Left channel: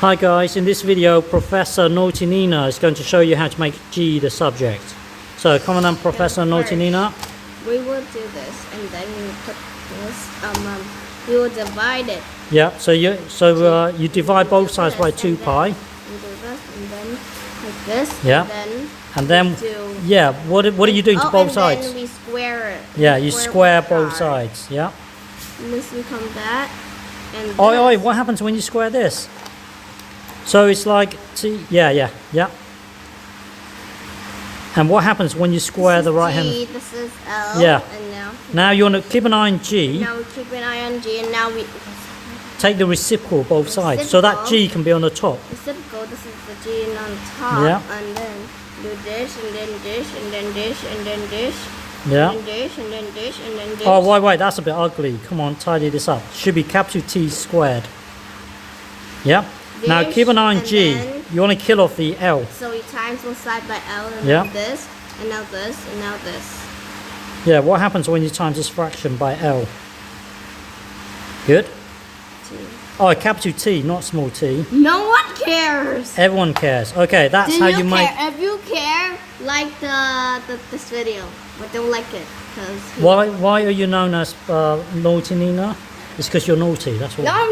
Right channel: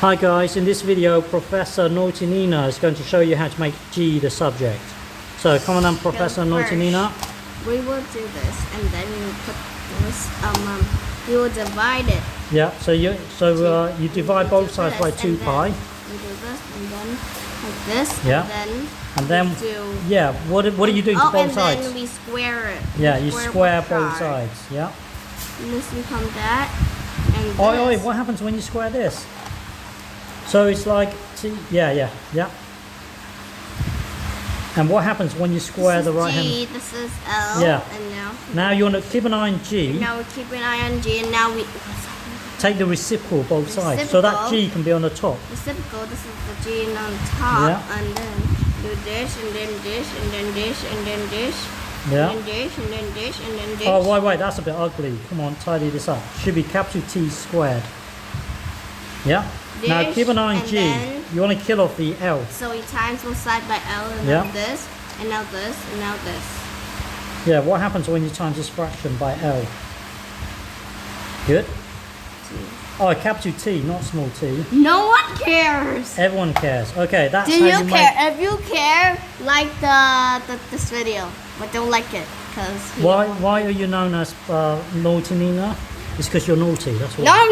Hi guys, in this video Professor Naughty Nyna is going to show you how to make G the subject. So come on then, Professor Naughty Nyna. We will do this and then you put this, you will divide it. Yeah, so you divide both sides by 2 pi. You do this and then like this. Yeah. And then yeah, what are you doing to both sides? And then we square it. Yeah, you square both sides. Yeah. And this becomes that. And this. Oh, what happens when you square this? So it's like T. Yeah. And what happens when you square the right G, hand? This is L. Yeah. And now you want to keep an eye on G. Now we keep an eye on G, and now we take the reciprocal both sides, so that G can be on the top. Reciprocal. This is the G on top, yeah. And then do this, and then this, and then this, and then this. Yeah. And then this, and then this, and then this. Oh, wait, that's a bit ugly. Come on, tidy this up. Should be capital T squared. Yeah. This, now keep an eye on G. You want to kill off the L. So we times both sides by L, and yeah. now this, and now this, and now this. Yeah, what happens when you times this fraction by L? Good? T. Oh, capital T, not small t. No one cares! Everyone cares. Okay, that's Do how you you care? make... If you care, like this video. But don't like it. Cause Why are you known as Naughty Nyna? It's because you're naughty, that's why. No,